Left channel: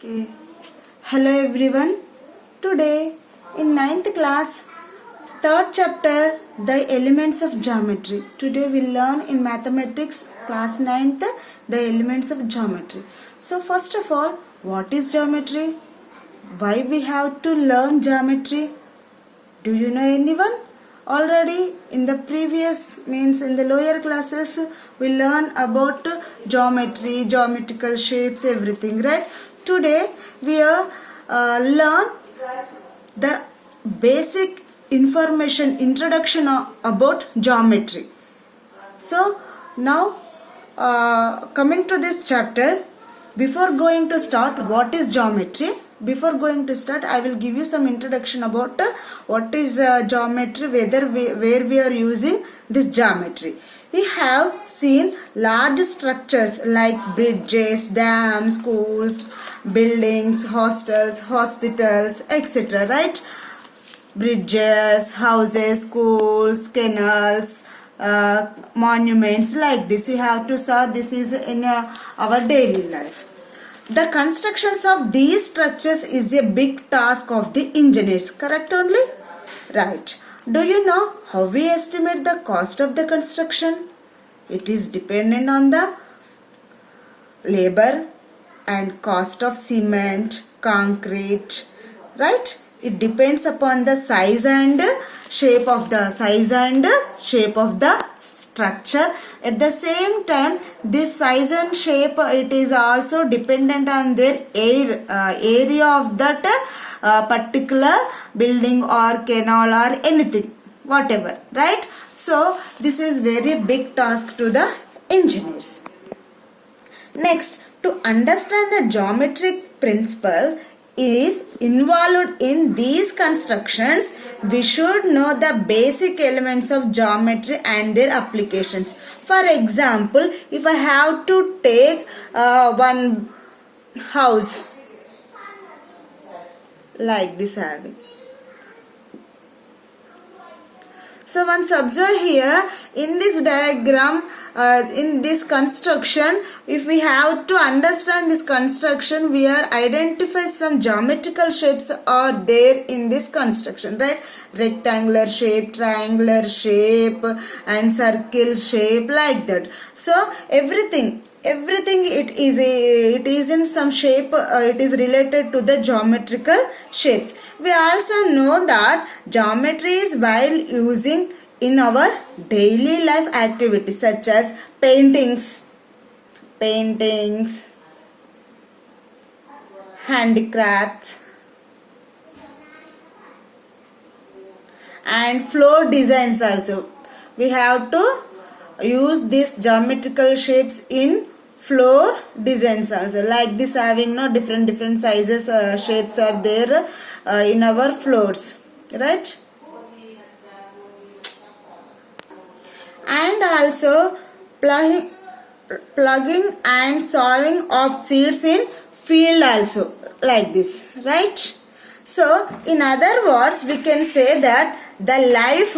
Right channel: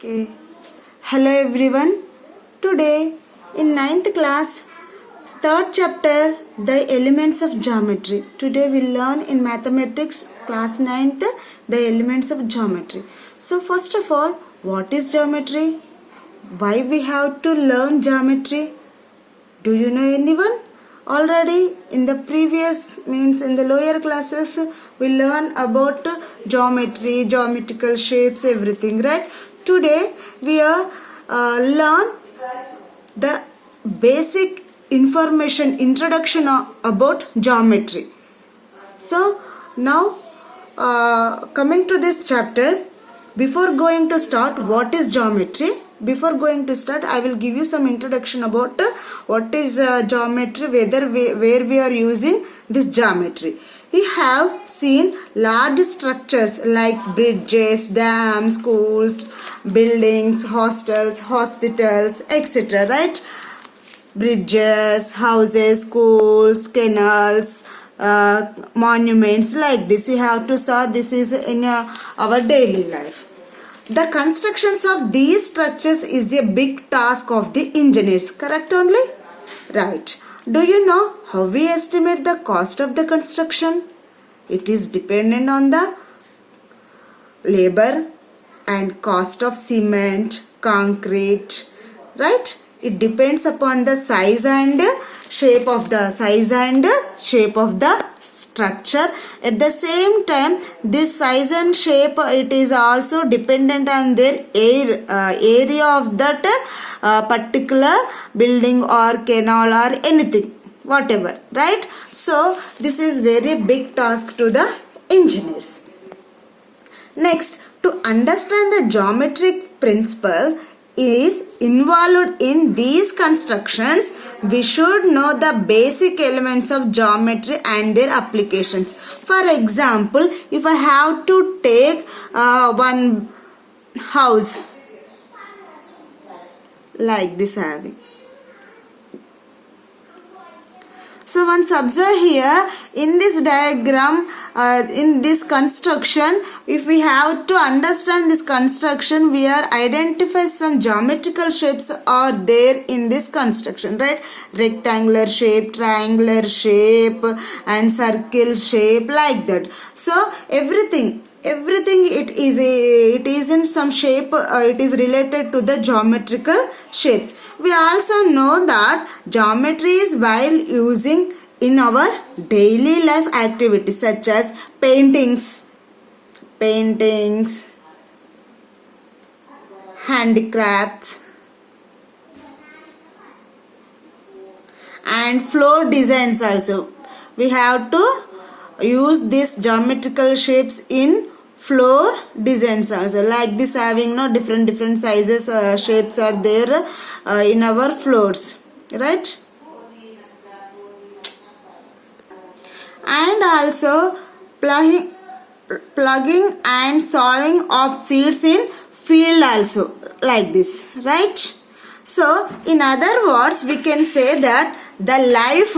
Okay. Hello everyone. Today in ninth class, third chapter, the elements of geometry. Today we learn in mathematics class ninth the elements of geometry. So first of all, what is geometry? Why we have to learn geometry? Do you know anyone? Already in the previous means in the lower classes we learn about geometry, geometrical shapes, everything, right? Today we learn the basic information introduction about geometry. So now coming to this chapter, before going to start what is geometry, before going to start I will give you some introduction about what is geometry, where we are using this geometry. We have seen large structures like bridges, dams, schools, buildings, hostels, hospitals, etc. Right? Bridges, houses, schools, canals, monuments, like this. You have to saw this is in our daily life. The constructions of these structures is a big task of the engineers. Correct only? Right. Do you know how we estimate the cost of the construction? It is dependent on the labor and cost of cement, concrete, right? It depends upon the size and shape of the structure. At the same time, this size and shape, it is also dependent on their area of that particular building or canal or anything, whatever, right? So this is very big task to the engineers. Next, to understand the geometric principle is involved in these constructions, we should know the basic elements of geometry and their applications. For example, if I have to take one house like this having. So once observe here in this diagram, in this construction, if we have to understand this construction, we are identify some geometrical shapes are there in this construction, right? Rectangular shape, triangular shape and circle shape, like that. So everything it is in some shape, it is related to the geometrical shapes. We also know that geometry is while using in our daily life activities such as paintings, handicrafts and floor designs also. We have to use these geometrical shapes in floor designs also, like this having no different sizes, shapes are there in our floors, right? And also plugging and sowing of seeds in field also, like this, right? So in other words, we can say that the life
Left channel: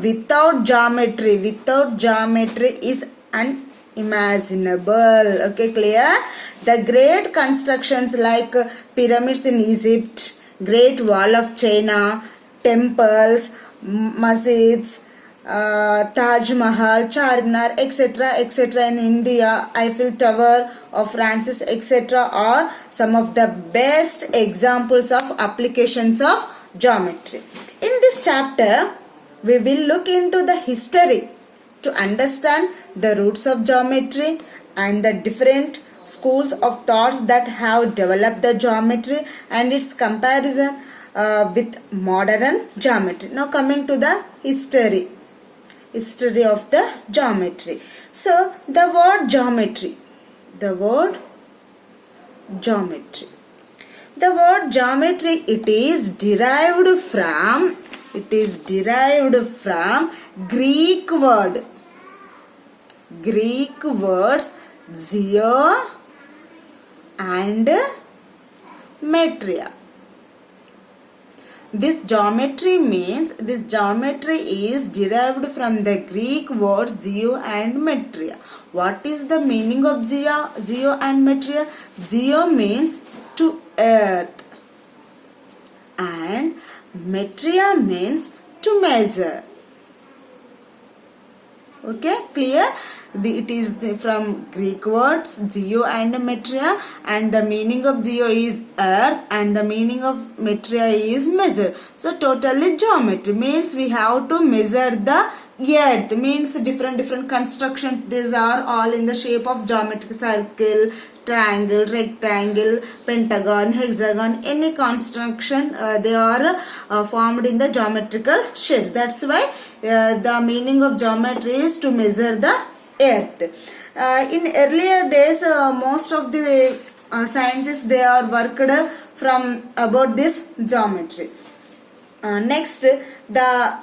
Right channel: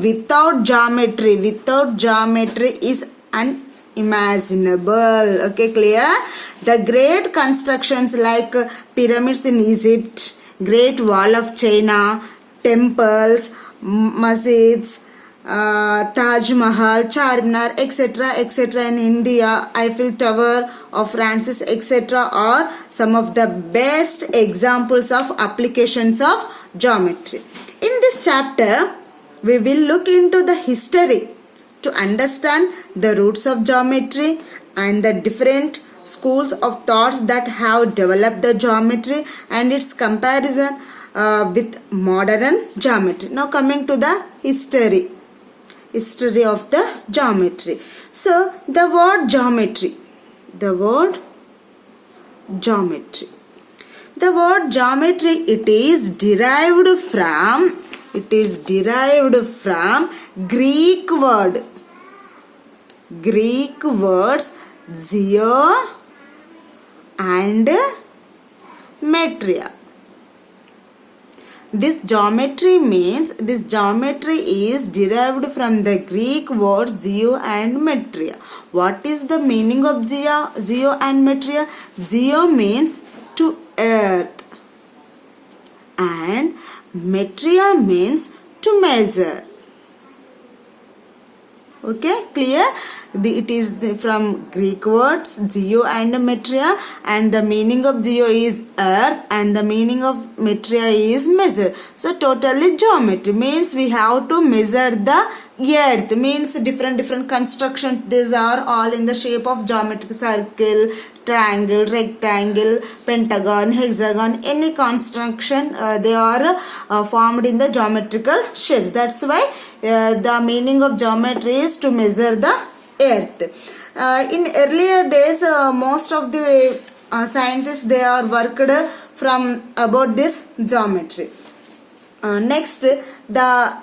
without geometry is unimaginable. Okay, clear? The great constructions like pyramids in Egypt, Great Wall of China, temples, masjids, Taj Mahal, Charminar, etc. in India, Eiffel Tower of France, etc. are some of the best examples of applications of geometry. In this chapter, we will look into the history to understand the roots of geometry and the different schools of thoughts that have developed the geometry and its comparison with modern geometry. Now coming to the history of the geometry. So the word geometry, it is derived from Greek words geo and metria. This geometry is derived from the Greek words geo and metria. What is the meaning of geo and metria? Geo means to earth and metria means to measure. Okay, clear? It is from Greek words geo and metria, and the meaning of geo is earth and the meaning of metria is measure. So totally geometry means we have to measure the earth, means different construction. These are all in the shape of geometric: circle, triangle, rectangle, pentagon, hexagon. Any construction they are formed in the geometrical shapes. That's why the meaning of geometry is to measure the earth. In earlier days, most of the scientists, they are worked from about this geometry. Next, the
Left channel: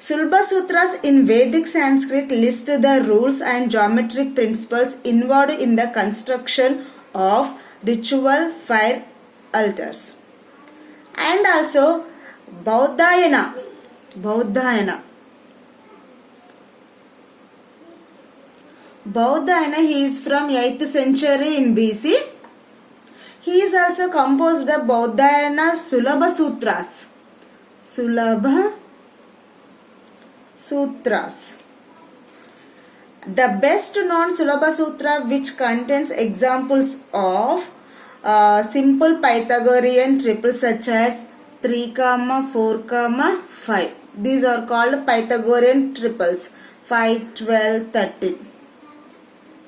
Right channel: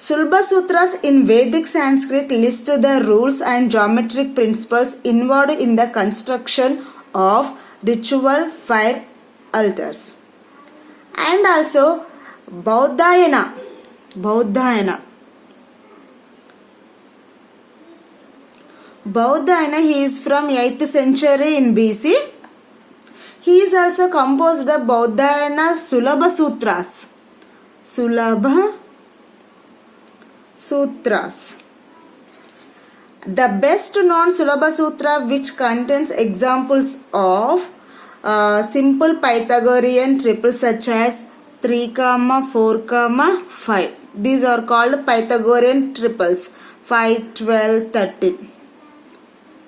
Sulba Sutras in Vedic Sanskrit list the rules and geometric principles involved in the construction of ritual fire altars. And also Bauddhayana. Bauddhayana, he is from 8th century in BC. He is also composed the Bauddhayana Sulabha Sutras. The best known Sulabha Sutra, which contains examples of simple Pythagorean triples such as 3, 4, 5. These are called Pythagorean triples: 5, 12, 13.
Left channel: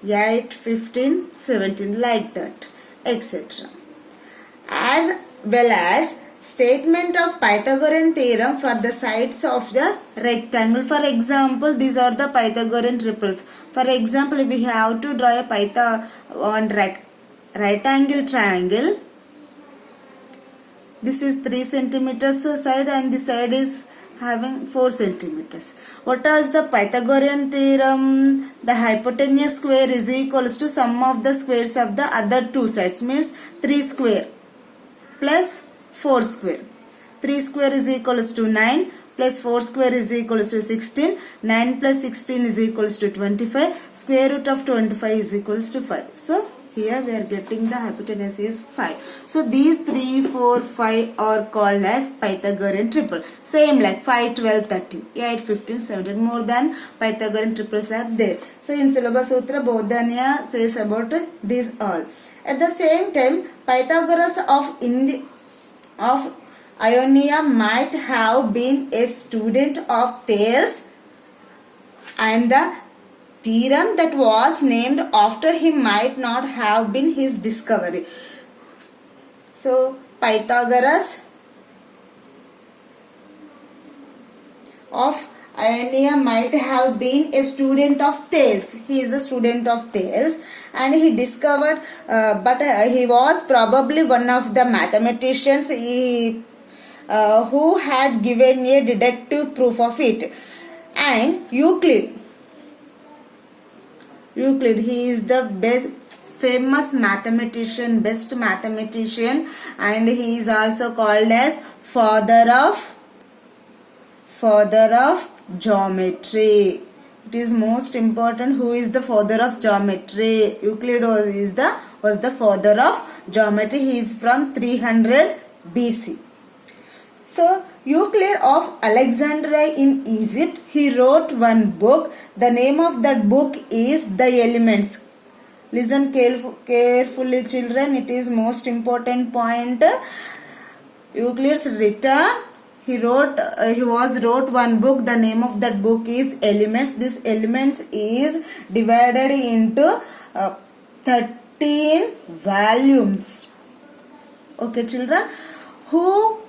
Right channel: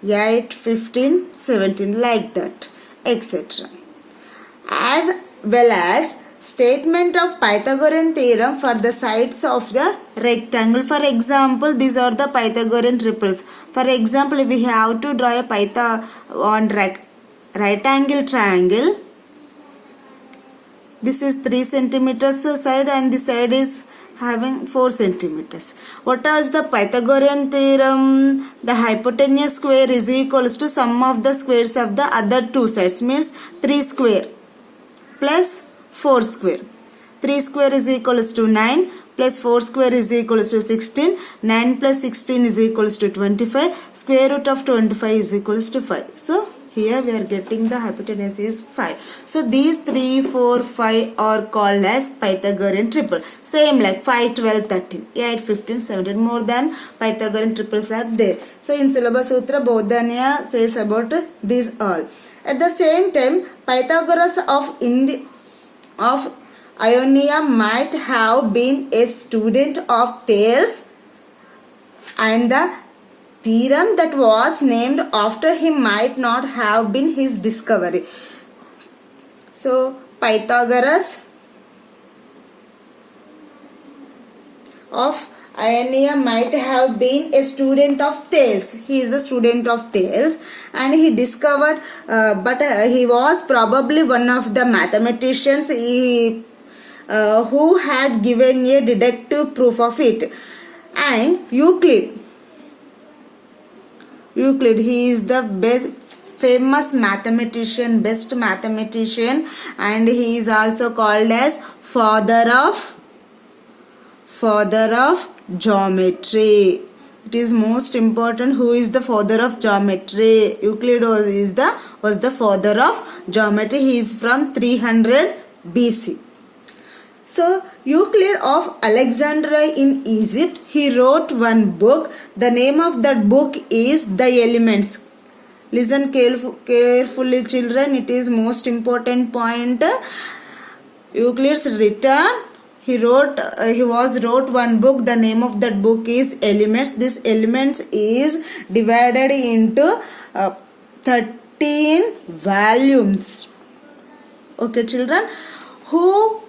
8, 15, 17, like that, etc. As well as statement of Pythagorean theorem for the sides of the rectangle. For example, these are the Pythagorean triples. For example, we have to draw a right angle triangle. This is 3 centimeters side and this side is having 4 centimeters. What is the Pythagorean theorem? The hypotenuse square is equals to sum of the squares of the other two sides, means 3 square plus 4 square. 3 square is equals to 9 plus 4 square is equals to 16. 9 plus 16 is equals to 25. Square root of 25 is equals to 5. So here we are getting the hypotenuse is 5. So these 3, 4, 5 are called as Pythagorean triple. Same like 5, 12, 13, 8, 15, 17. More than Pythagorean triples are there. So in Sulabha Sutra, Bauddhayana says about these all. At the same time, Pythagoras of Ionia might have been a student of Thales, and the theorem that was named after him might not have been his discovery. So Pythagoras of Ionia might have been a student of Thales. He is the student of Thales and he discovered, but he was probably one of the mathematicians who had given a deductive proof of it. And Euclid, he is the best famous mathematician, best mathematician, and he is also called as father of geometry. It is most important who is the father of geometry. Euclid was the father of geometry. He is from 300 BC. So Euclid of Alexandria in Egypt, he wrote one book. The name of that book is The Elements. Listen carefully, children. It is most important point. Euclid's written. He wrote one book. The name of that book is Elements. This Elements is divided into 13 volumes. Okay, children. Who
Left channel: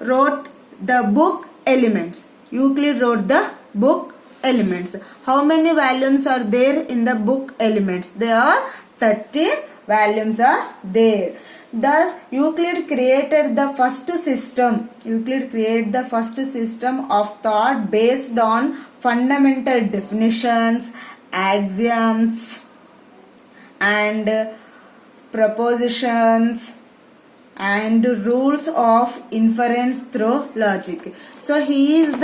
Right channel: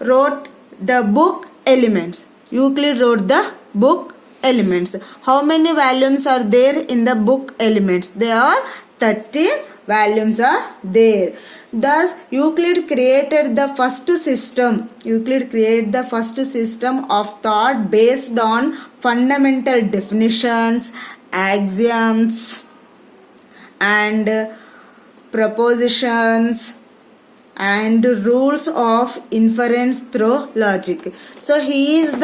wrote the book Elements? Euclid wrote the book Elements. How many volumes are there in the book Elements? There are 13 volumes are there. Thus, Euclid created the first system. Euclid created the first system of thought based on fundamental definitions, axioms, and propositions, and rules of inference through logic. So he is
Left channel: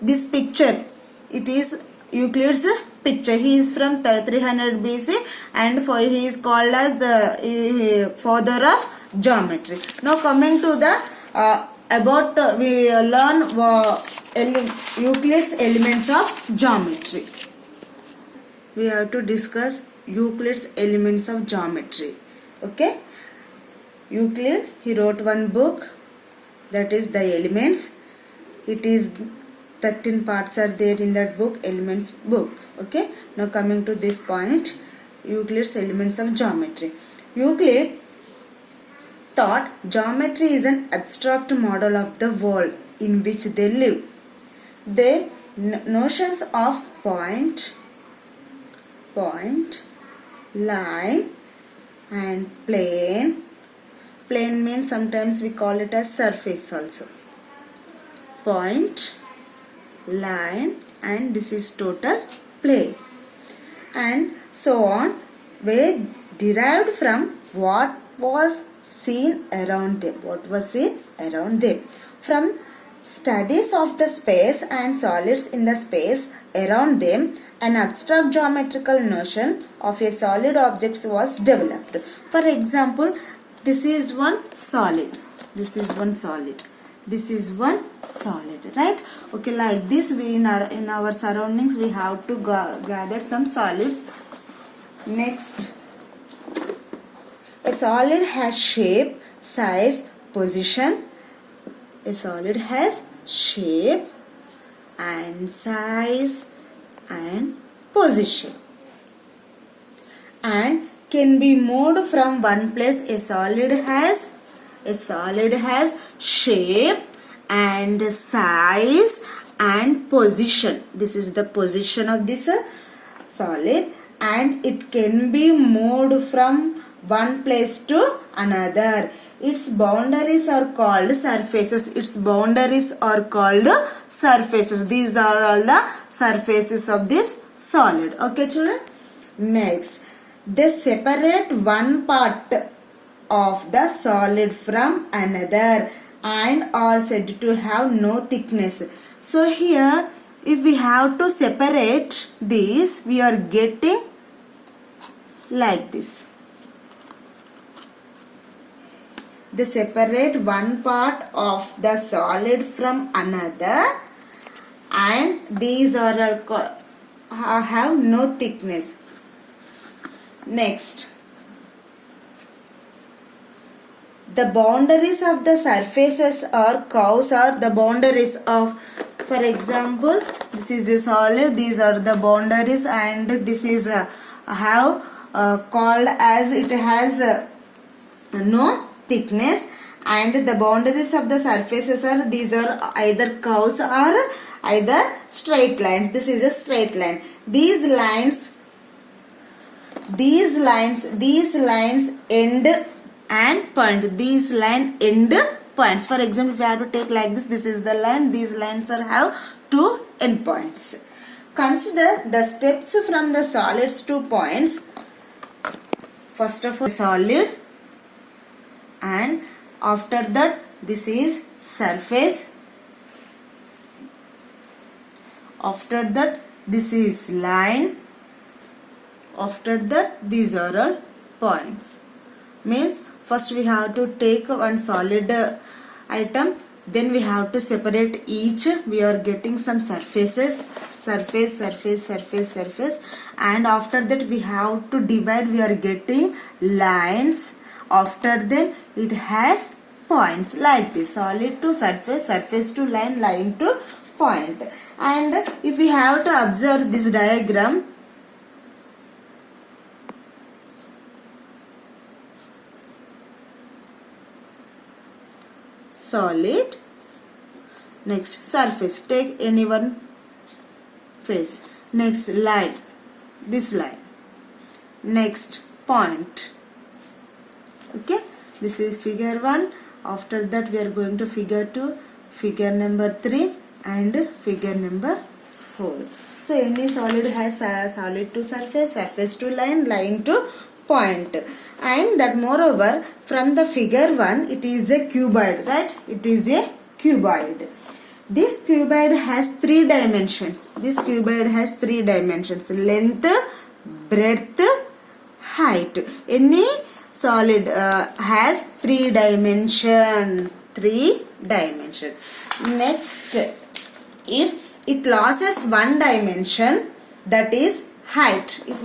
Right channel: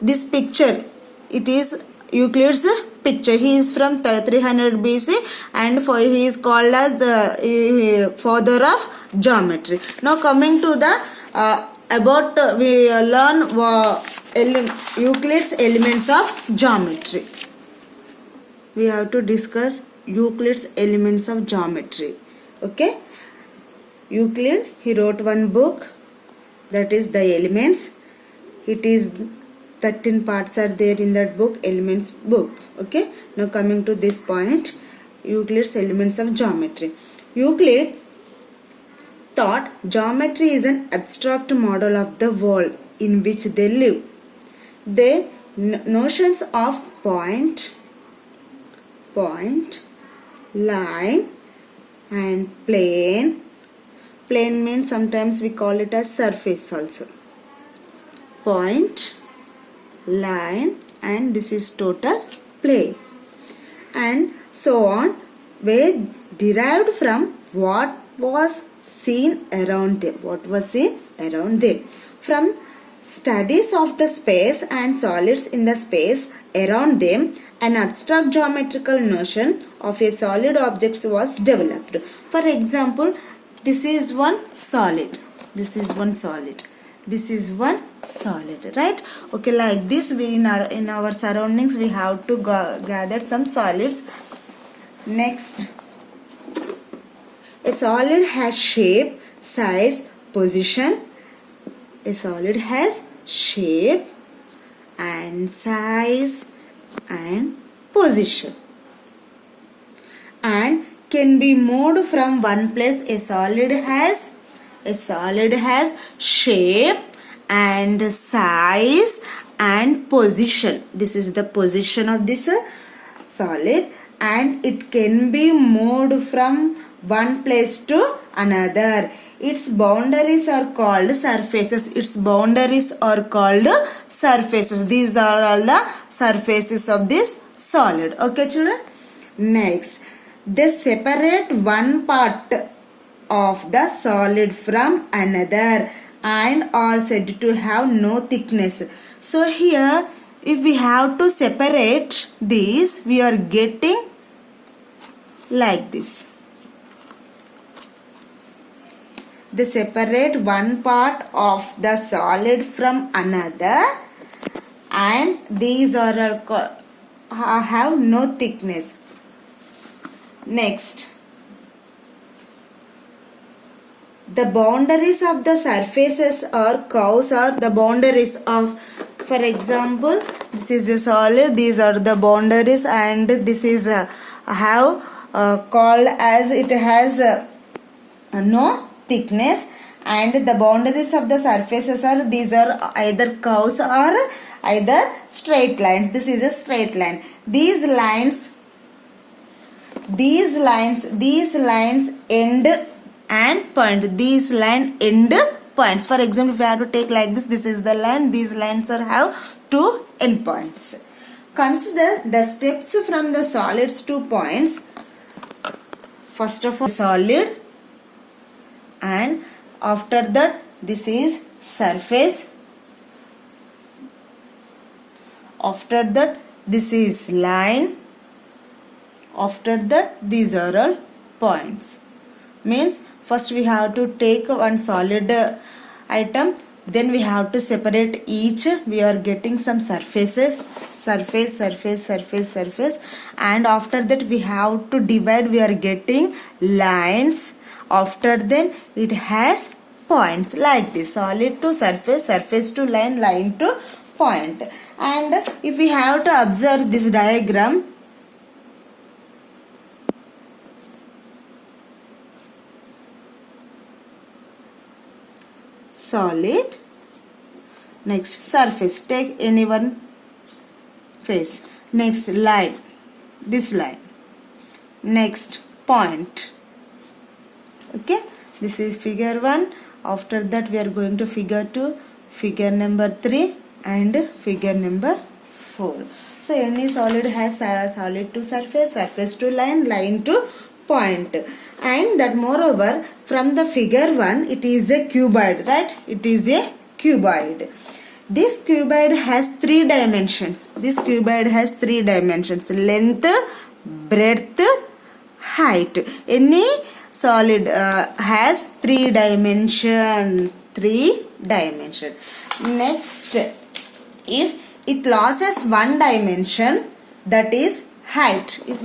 this picture, it is Euclid's picture. He is from 300 BC and he is called as the father of geometry. Now coming to the we learn Euclid's elements of geometry. We have to discuss Euclid's elements of geometry. Okay. Euclid, he wrote one book, that is the Elements. It is 13 parts are there in that book, Elements book. Okay. Now coming to this point, Euclid's elements of geometry. Euclid thought geometry is an abstract model of the world in which they live. The notions of point, line and plane. Plane means sometimes we call it as surface also. Point, line, and this is total plane. And so on were derived from what was seen around them. What was seen around them. From studies of the space and solids in the space around them, an abstract geometrical notion of a solid object was developed. For example, this is one solid. This is one solid. This is one solid, right? Okay, like this, we in our surroundings we have to gather some solids. Next, a solid has shape, size, position. A solid has shape and size and position, and can be moved from one place. A solid has shape and size and position. This is the position of this solid, and it can be moved from one place to another. Its boundaries are called surfaces. Its boundaries are called surfaces. These are all the surfaces of this solid. Okay, children? Next, they separate one part of the solid from another and are said to have no thickness. So here, if we have to separate these, we are getting like this. They separate one part of the solid from another, and these are have no thickness. Next, the boundaries of the surfaces or curves are the boundaries of, for example, this is a solid, these are the boundaries, and this is called as it has no thickness, and the boundaries of the surfaces are, these are either curves or either straight lines. This is a straight line. These lines end and point. These line end points. For example, if I have to take like this, this is the line. These lines have two end points. Consider the steps from the solids to points. First of all, solid, and after that this is surface. After that this is line. After that these are all points. Means first we have to take one solid item, then we have to separate each. We are getting some surfaces, surface, and after that we have to divide. We are getting lines. After then it has points, like this: solid to surface, surface to line, line to point. And if we have to observe this diagram, solid, next surface, take any one face, next line, this line, next point. Okay, this is figure 1. After that we are going to figure 2, figure number 3 and figure number 4. So any solid has solid to surface, surface to line, line to point. And that moreover, from the figure 1, it is a cuboid, right? It is a cuboid. This cuboid has 3 dimensions. This cuboid has 3 dimensions: length, breadth, height. Any solid has 3 dimension. 3 dimension. Next, if it loses 1 dimension, that is height. If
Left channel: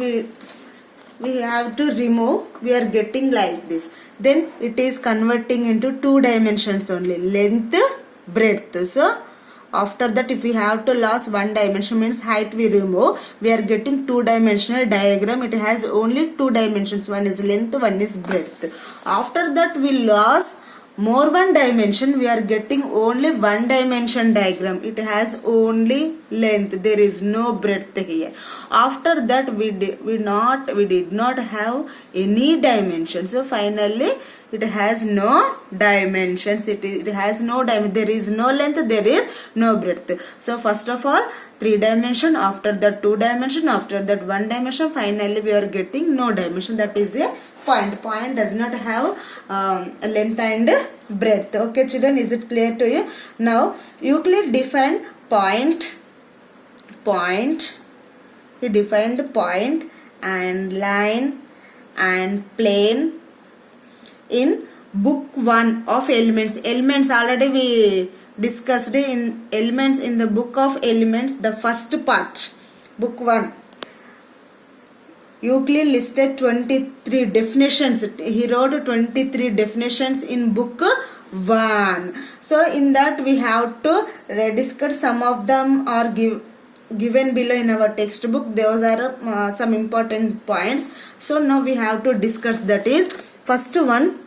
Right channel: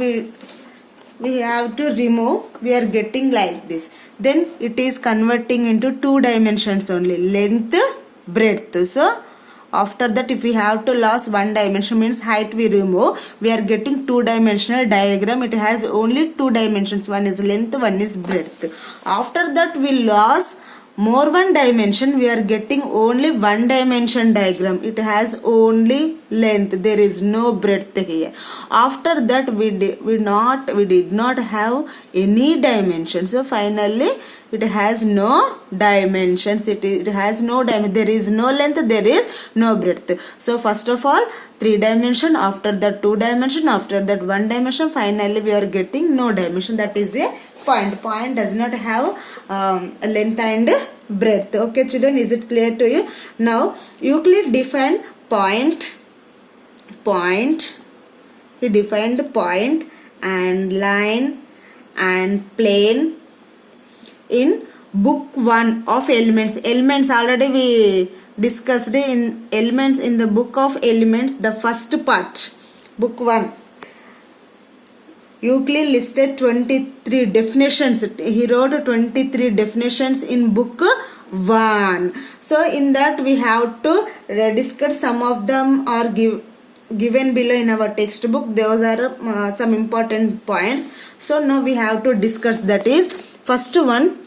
we have to remove, we are getting like this. Then it is converting into 2 dimensions only: length, breadth. So after that, if we have to lose 1 dimension, means height we remove, we are getting 2-dimensional diagram. It has only 2 dimensions. One is length, one is breadth. After that, we lose more 1 dimension, we are getting only 1 dimension diagram. It has only length, there is no breadth here. After that, we did not have any dimension. So finally it has no dimensions. It has no dimension. There is no length, there is no breadth. So first of all 3 dimension, after that 2 dimension, after that 1 dimension, finally we are getting no dimension. That is a point. Point does not have length and breadth. Okay children, is it clear to you? Now Euclid defined point. He defined point and line and plane in book 1 of elements. Elements already we discussed in elements in the book of elements, the first part, book 1. Euclid listed 23 definitions. He wrote 23 definitions in book 1. So in that we have to discuss some of them are given below in our textbook. Those are some important points. So now we have to discuss. That is, first one,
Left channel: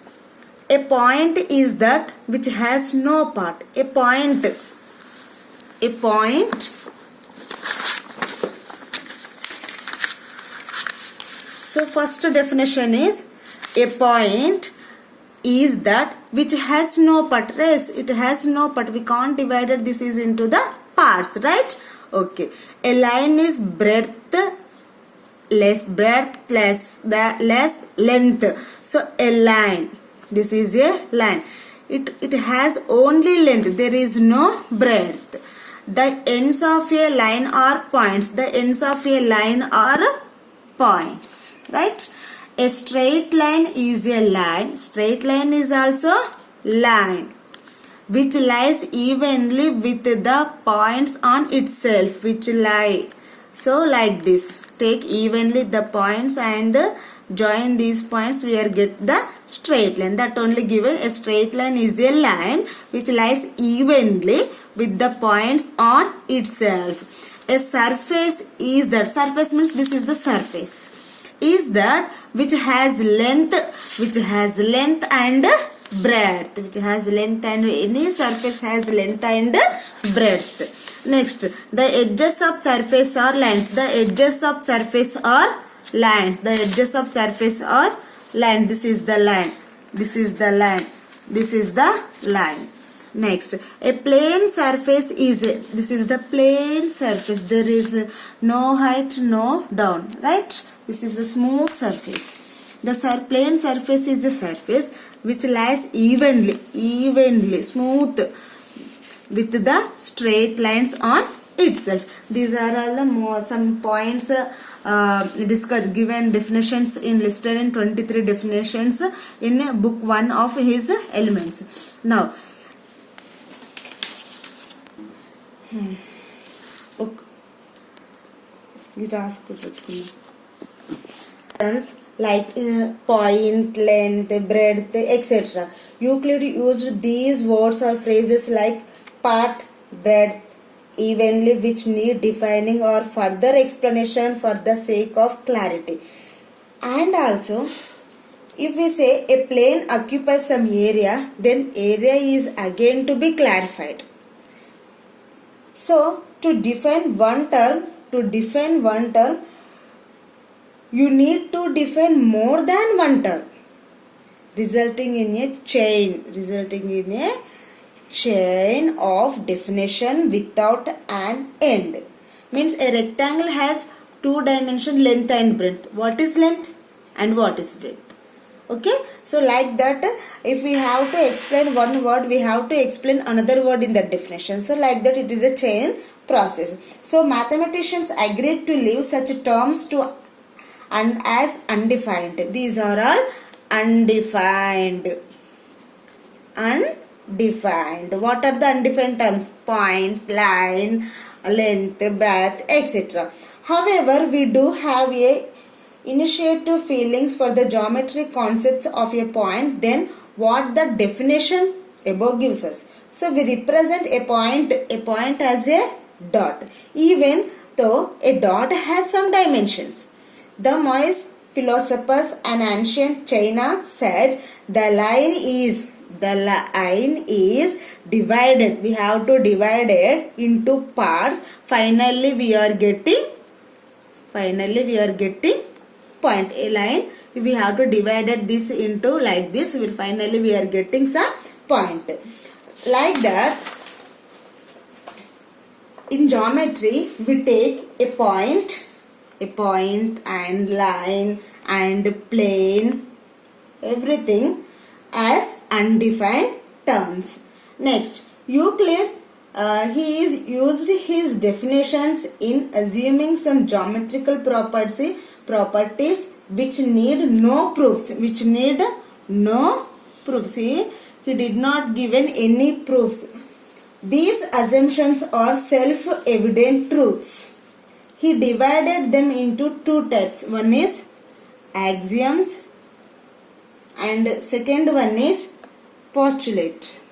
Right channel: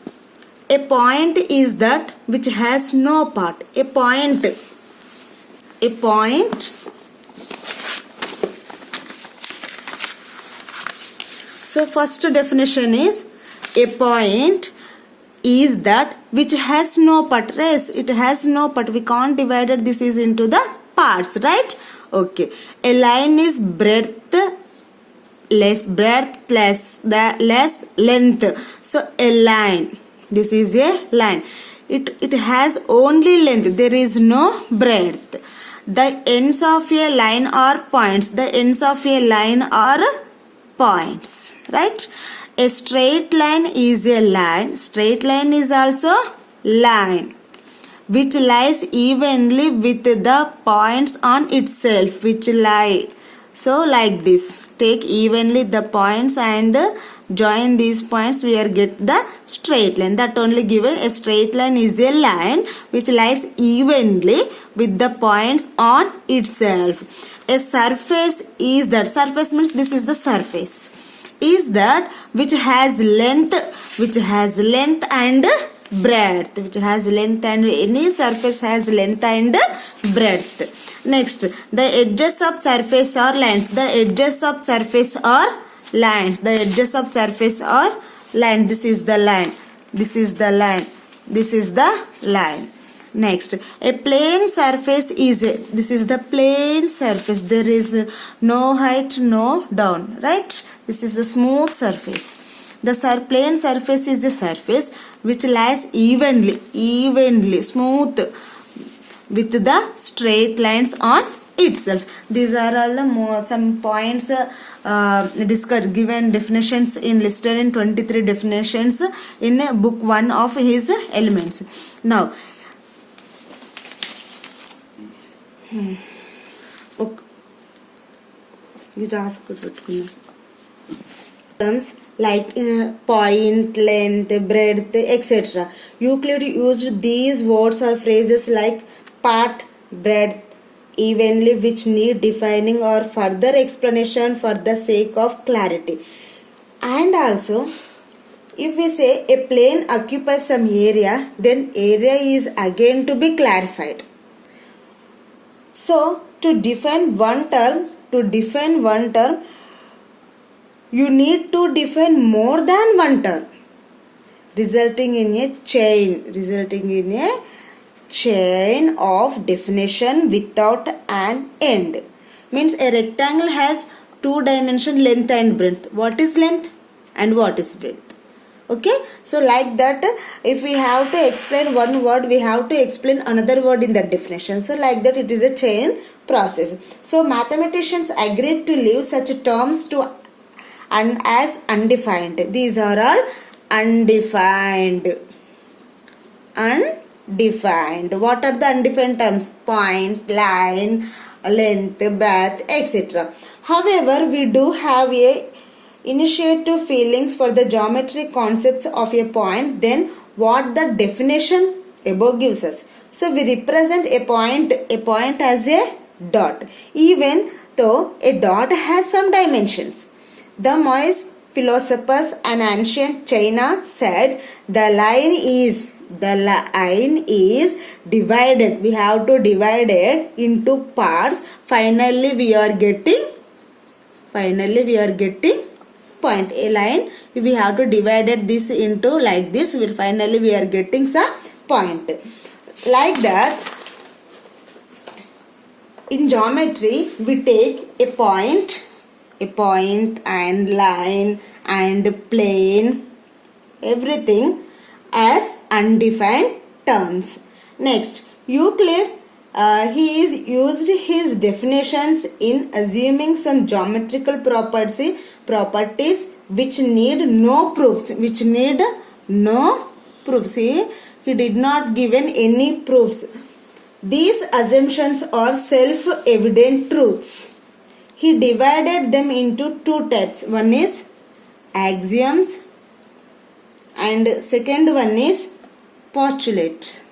a point is that which has no part. A point. So first definition is, a point is that which has no part. Yes, it has no part. We can't divide it. This is into the parts, right? Okay. A line is breadth less length. So a line. This is a line. It has only length. There is no breadth. The ends of a line are points. The ends of a line are points, right? A straight line is a line. Straight line is also line which lies evenly with the points on itself, which lie. So like this, take evenly the points and join these points, we are get the straight line. That only given. A straight line is a line which lies evenly with the points on itself. A surface is that. Surface means this is the surface. Is that which has length and breadth. Which has length and any surface has length and breadth. Next, the edges of surface are lines. The edges of surface are lines. The edges of surface are line. This is the line. This is the line. This is the line. Next, a plane surface is this is the plane surface. There is no height, no down, right? This is the smooth surface. The plane surface is the surface which lies evenly, smooth with the straight lines on itself. These are all the some points discussed, given definitions in listed in 23 definitions in book 1 of his elements. Now, like point, length, breadth, etc. Euclid used these words or phrases like part, breadth, evenly, which need defining or further explanation for the sake of clarity. And also, if we say a plane occupies some area, then area is again to be clarified. So, to define one term, you need to define more than one term, resulting in a chain of definition without an end. Means a rectangle has 2 dimension, length and breadth. What is length and what is breadth. Okay, so like that, if we have to explain one word, we have to explain another word in that definition. So like that, it is a chain process. So mathematicians agreed to leave such terms to and as undefined. These are all undefined. Undefined. What are the undefined terms? Point, line, length, breadth, etc. However, we do have a initiative feelings for the geometric concepts of a point than what the definition above gives us. So we represent a point as a dot, even though a dot has some dimensions. The Moist philosophers and ancient China said the line is divided. We have to divide it into parts. Finally we are getting point. A line, we have to divide this into like this. Finally we are getting some point. Like that, in geometry we take a point and line and plane, everything as undefined terms. Next, Euclid, he is used his definitions in assuming some geometrical properties which need no proofs. He did not given any proofs. These assumptions are self-evident truths. He divided them into two types. One is axioms and second one is postulate.